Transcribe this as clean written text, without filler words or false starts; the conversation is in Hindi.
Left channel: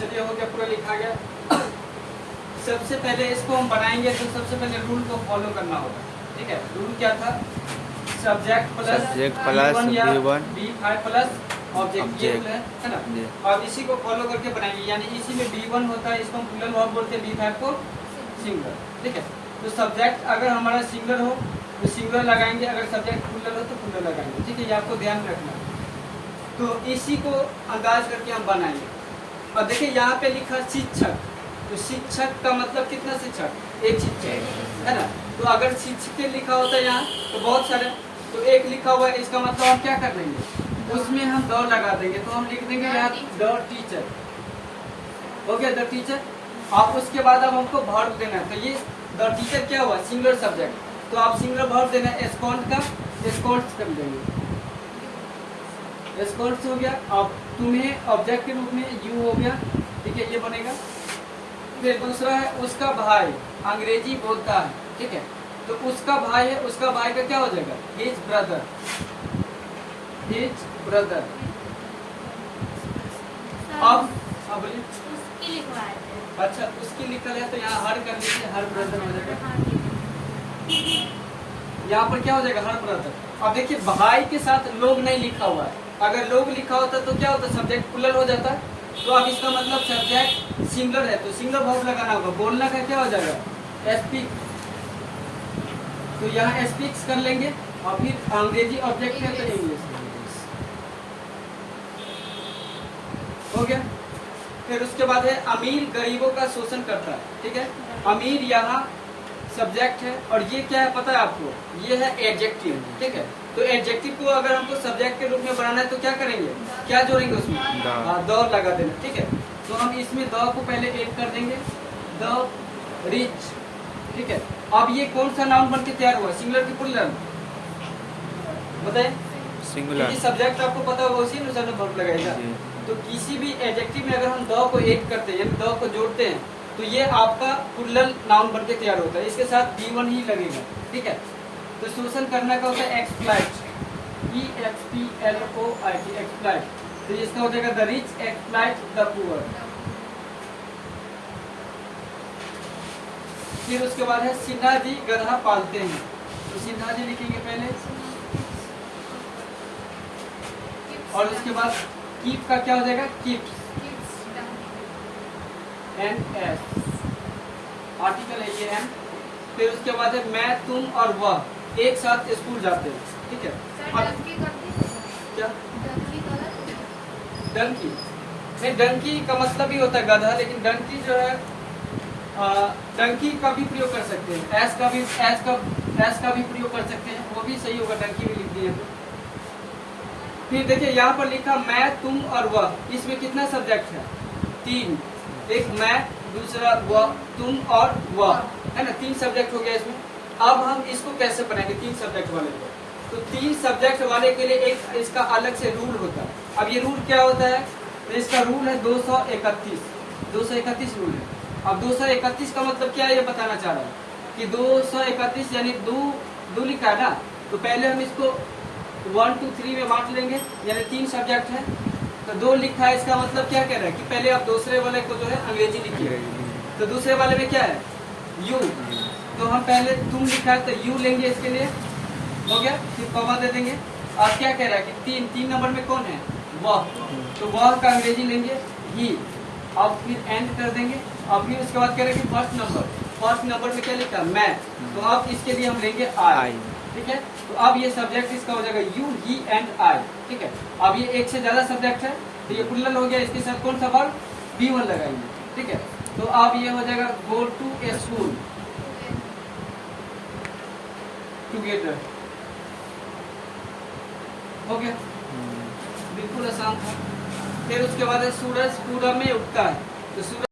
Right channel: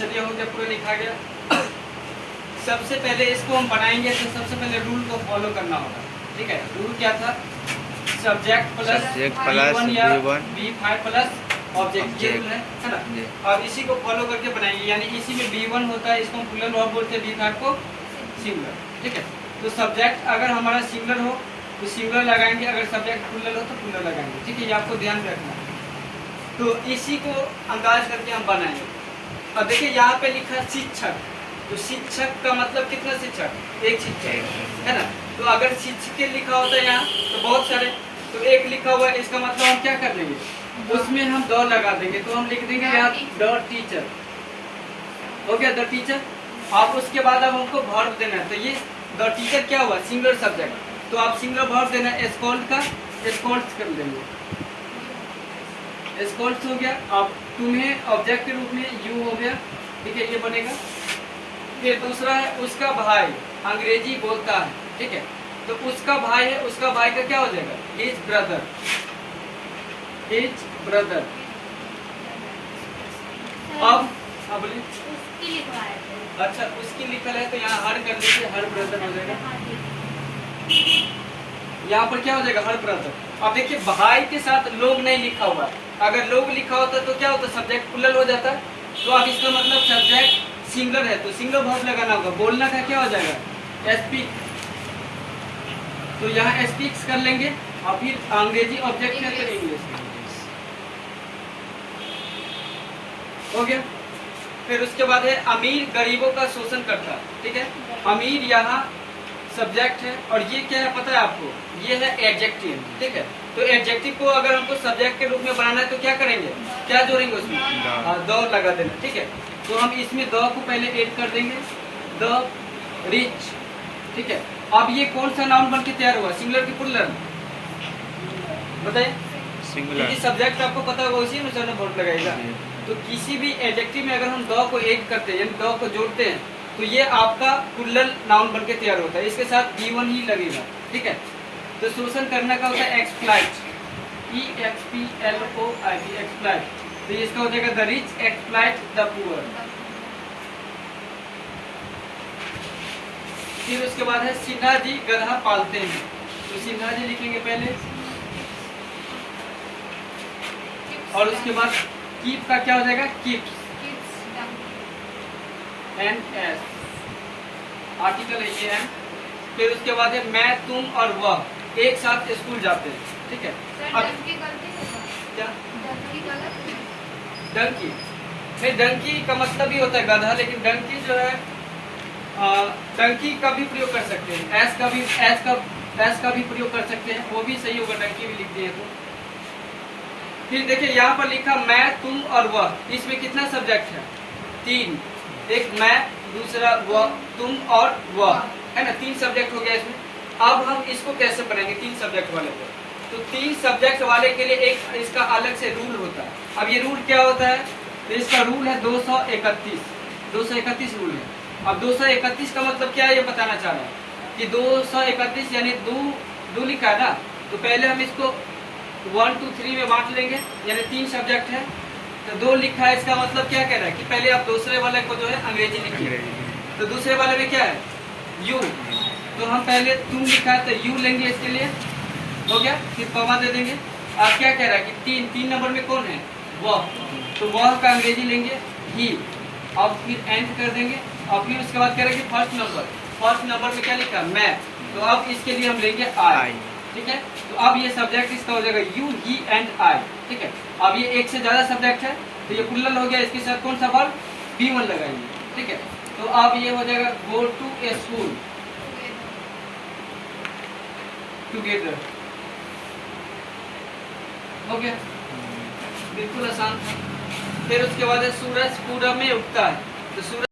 चलिए हो गया, पूरा लिखा गया। सबसे पहले इसको हम बनाएंगे तो सबसे पहले रूल को फॉलो करना होगा। ठीक है, रूल क्या था? सब्जेक्ट प्लस V1 या V5 प्लस ऑब्जेक्ट, ये रूल है ना। और इसी को फॉलो करके बनाएंगे, यानी इसी में V1 होता है, इसको हम प्लूरल वर्ब बोलते हैं, V5 को सिंगुलर। ठीक है, तो सब्जेक्ट अगर हमारा सिंगुलर हो तो सिंगुलर लगाएंगे, अगर सब्जेक्ट प्लूरल हो तो प्लूरल लगाएंगे। ठीक है, ये आपको ध्यान रखना है। तो इसी को अंदाज करके हम बनाएंगे। अब देखिए यहाँ पे लिखा शिक्षक, तो शिक्षक का मतलब कितना शिक्षक? एक शिक्षक है ना। तो अगर शिक्षक लिखा होता है यहाँ तो बहुत सारे, तो एक लिखा हुआ है, इसका मतलब हम क्या कर लेंगे, उसमें हम द लगा देंगे। तो हम लिख देंगे यहाँ द टीचर, हो गया द टीचर। आप उसके बाद अब हमको वर्ब देना है, तो ये द टीचर क्या हुआ? सिंगुलर सब्जेक्ट, तो आप सिंगुलर वर्ब देना है, एस्कॉल्ट का एस्कॉल्ट कर देंगे, एस्कॉल्ट हो गया। अब तुम्हें ऑब्जेक्ट के रूप में यू हो गया। ठीक है, ये बनेगा। फिर दूसरा है उसका भाई अंग्रेजी बोलता है। ठीक है, तो उसका भाई है, उसका भाई का क्या हो जाएगा? His brother, his brother. अब बोलिए, उसकी लिखवा है। अच्छा उसकी लिखल है तो यहाँ हर कर लीजिए, हर ब्रदर हो जाएगा। यहाँ पर क्या हो जाएगा? Her brother. अब देखिए भाई के साथ लोग नहीं लिखा हुआ है, अगर लोग लिखा होता तो क्या होता? सब्जेक्ट प्लूरल हो जाता। तो अब इसका मतलब सब्जेक्ट सिंगुलर है तो सिंगुलर वर्ब लगाना होगा। बोलना का क्या हो जाएगा? स्पीक, तो यहाँ स्पीक्स कर लेंगे। और फिर अंग्रेजी ऑब्जेक्ट है तो इंग्लिश हो गया। फिर उसके बाद है अमीर गरीबों का शोषण करता है। ठीक है, अमीर यहाँ सब्जेक्ट है, और ये क्या है पता है आपको? ये है एडजेक्टिव। ठीक है, तो एडजेक्टिव को अगर हमको सब्जेक्ट के रूप में बनाना है तो क्या करेंगे? क्या जोड़ेंगे उसमें? द लगा देना। ठीक है, तो हम इसमें द को पहले ऐड कर देंगे, द रिच। ठीक है, अब ये कौन सा नाउन बन के तैयार हुआ? सिंगुलर की प्लूरल बताए? सिंगुलर। सब्जेक्ट आपको पता होगा, उसी अनुसार वर्ब लगाएगा। तो किसी भी एडजेक्टिव में अगर हम द को ऐड करते हैं, यानी द को जोड़ते हैं, तो ये आपका प्लूरल नाउन बन के तैयार होता है। इसके साथ V1 ही लगेगा। ठीक है, तो शोषण करने का होता है एक्सप्लॉइट, EXPLOIT, एक्सप्लॉइट। तो इसका हो जाएगा the rich exploit the poor. फिर उसके बाद है सिन्हा जी गधा पालते हैं, तो सिन्हा जी लिखेंगे पहले। और उसके बाद कीप का क्या हो जाएगा? कीप्स, NS, आर्टिकल है ये है। फिर उसके बाद है मैं तुम और वह एक साथ स्कूल जाते हैं। ठीक है, क्या डंकी? नहीं, डंकी का मतलब ही होता है गधा, लेकिन डंकी जो है डंकी का भी प्रयोग कर सकते हैं, एस का भी प्रयोग कर सकते हैं, वो भी सही होगा, डंकी भी लिख दिए तो। फिर देखिए यहाँ पर लिखा मैं तुम और वह, इसमें कितना सब्जेक्ट है? 3, एक मैं, दूसरा वह, तुम और वह, है ना, 3 सब्जेक्ट हो गया इसमें। अब हम इसको कैसे बनाएंगे 3 सब्जेक्ट वाले को? तो 3 सब्जेक्ट वाले के लिए एक इसका अलग से रूल होता है। अब ये रूल क्या होता है? तो इसका रूल है 231 रूल है। अब 231 का मतलब क्या है ये बताना चाह रहा है कि 231 यानी दो लिखा है ना, तो पहले हम इसको 1 2 3 में बांट लेंगे, यानी 3 सब्जेक्ट है तो 2 लिखा है। इसका मतलब क्या कह रहा है कि पहले आप दूसरे वाले को जो है अंग्रेजी लिखिए। तो दूसरे वाले में क्या है? यू, तो हम पहले तुम लिखा है तो यू लेंगे, इसके लिए हो गया। फिर कॉमा दे देंगे। अब क्या कह रहा है कि 3 नंबर में कौन है? वह, तो वह का अंग्रेजी लेंगे ही। अब फिर एंड कर देंगे। और फिर उसके बाद कह रहे हैं कि फर्स्ट नंबर में क्या लिखा? मैं, तो अब इसके लिए हम लेंगे आई। ठीक है, तो अब ये सब्जेक्ट इसका हो जाएगा यू, ही एंड आई। ठीक है, अब ये एक से ज्यादा सब्जेक्ट है तो ये प्लूरल हो गया, इसके साथ कौन सा वर्ब? V1 लगाएंगे। ठीक है, तो अब ये हो जाएगा go to a school together. हो गया, बिल्कुल आसान था। फिर उसके बाद है सूरज पूरब में उगता है, तो सूरज